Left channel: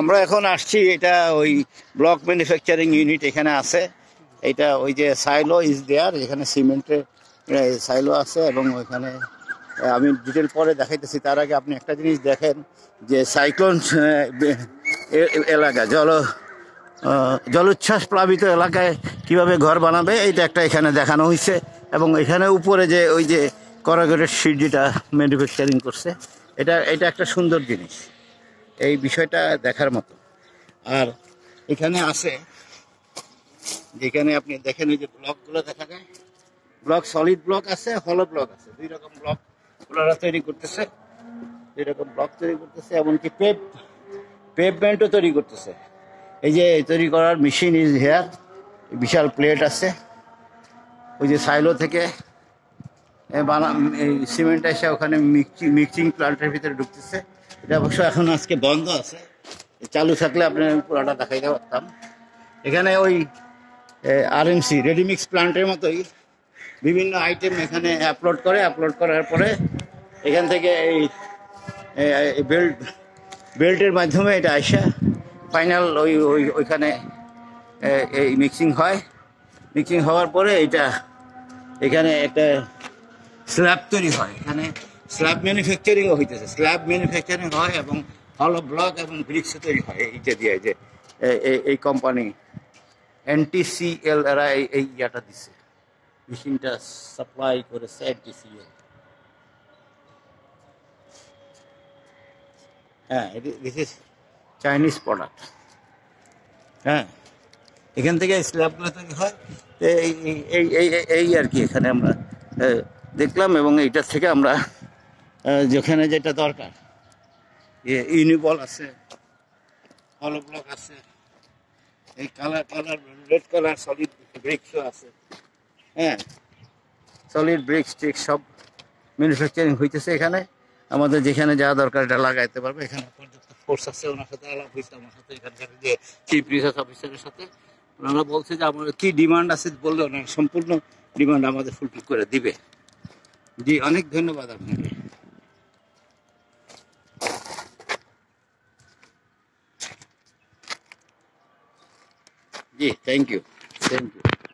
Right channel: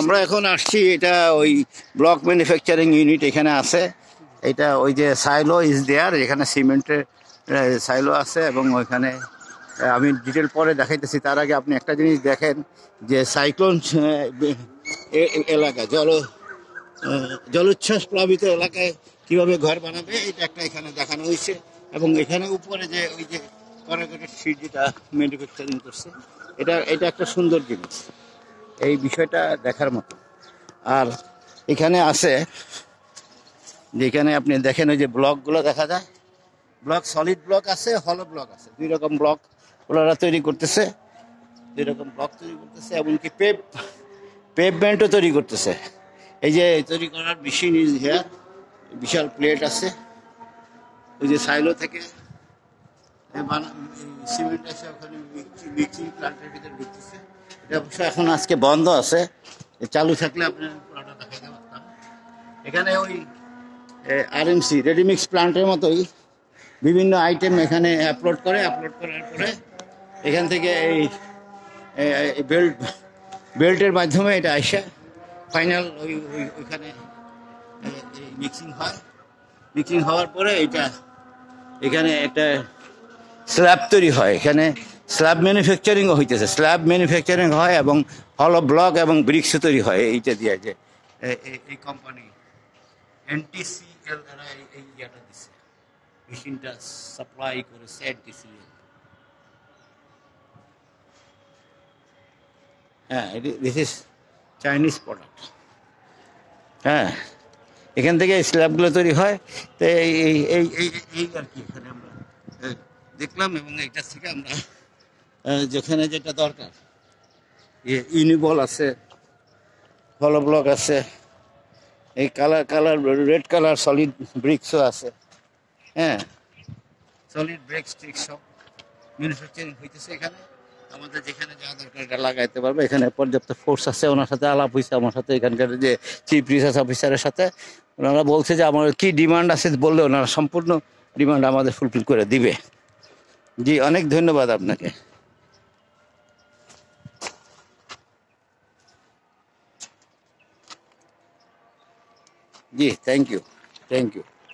আমরা এখন আসছি, এটা ওই ব্লক ম্যানুফ্যাকচারিং ইউনিট এখানে আছে। এটা ওই যে সাইলো ইজ দেয়ার, এখানে সিমেন্টের সাইলো আছে এবং ওইখানে আমি ডিটেল পরে দেখাইতেছি। তার আগে আপনি একটা জিনিস দেখেন যে সাইক্লোন এলাকা জলোচ্ছ্বাস প্লাবিত এলাকায় কিভাবে ঘর বানাবে, এটা একটা এখানে দেখানো হয়েছে। এবং এখানে উপরে যে ওই যে করাগরের শিট যেটা ম্যানুফ্যাকচারিং করছে, এটা একটা সুন্দর জিনিস, এই বিষয়টা দেখার মতো। আর এখানে আছে যেখানে আপনি দেখেন ওই যে ব্লকগুলো দেখা যায়, ব্লক সলিড ব্লক আছে, হলো ব্লক আছে, দুই রকম ব্লক ওনারা তৈরি করতেছে, দুই রকম ব্লক তৈরি করতেছে। এমনকি পেভমেন্টও তৈরি করতেছে। এই যে তৈরি করার মেশিন ইজ হেয়ার, বিশাল প্লেট আছে। ওই যে সাইলো থেকে এই সিমেন্ট এসে ওখানে মিক্সিং প্লান্টের ভিতরে ঢুকতেছে। এটা অবশ্য এখন আজকে বন্ধ আছে, চালু থাকলে আপনি পুরোটা দেখাইতে পারতাম। এখানে ওই আরএমসি রেডিমিক্স প্লান্টের মতোই বিভিন্ন আইটেম এখানে আপলোড করার পরে এখান থেকে এই বেল্টের মাধ্যমে এটা আইসা ফাইনাল ওইখানে এই মিক্সিং হয়। মিক্সিং হওয়ার পরে এখানে একটা স্ল্যাব তৈরি হয়। এখানে স্ল্যাব ম্যানুফ্যাকচারিংও হইতেছে, স্ল্যাব ম্যানুফ্যাকচারিং হয় এবং হলো ব্লক এবং ব্রিক্সও তৈরি হয় এইটা দিয়ে। যে এই কোম্পানি NTCL এরা এই ইয়াটা দিচ্ছে, মেশিনটা সাপ্লাই করেছে NTCL। হ্যাঁ, দিস ইজ চাইনিজ প্রোডাক্ট। হ্যাঁ, এখান থেকে স্ল্যাবগুলো তৈরি হয়। তো এই আর কি এখানে আমরা দেখলাম। এবং এইটার থেকে আমরা যেখানে যেটা দরকার, ইউনিবল আছে, হলো ব্লক আছে, এই কালার রেড কালার সলিড ব্রিক্সও আছে। হ্যাঁ, সলিড ব্রিক্স টিক্স সব ম্যানুফ্যাকচারিং হইতেছে এখানে। আমাদের যেখানে যা দরকার এটা লাগাইতে পারবে। এখানে পর্যাপ্ত ফোর্স আছে। ওনার সাথে আলাপ হয়েছে আমার সাথে, এখানকার যে চিফ রিসার্চ অফিসারের সাথে। ওনারা বলছে যে আমার কি ডিমান্ড আছে বললে ওনারা সম্পূর্ণ ডিমান্ড আমাদের ফুলফিল করে দিবে। জি, অনেক ধন্যবাদ আপনাকে। জি, থ্যাংক ইউ।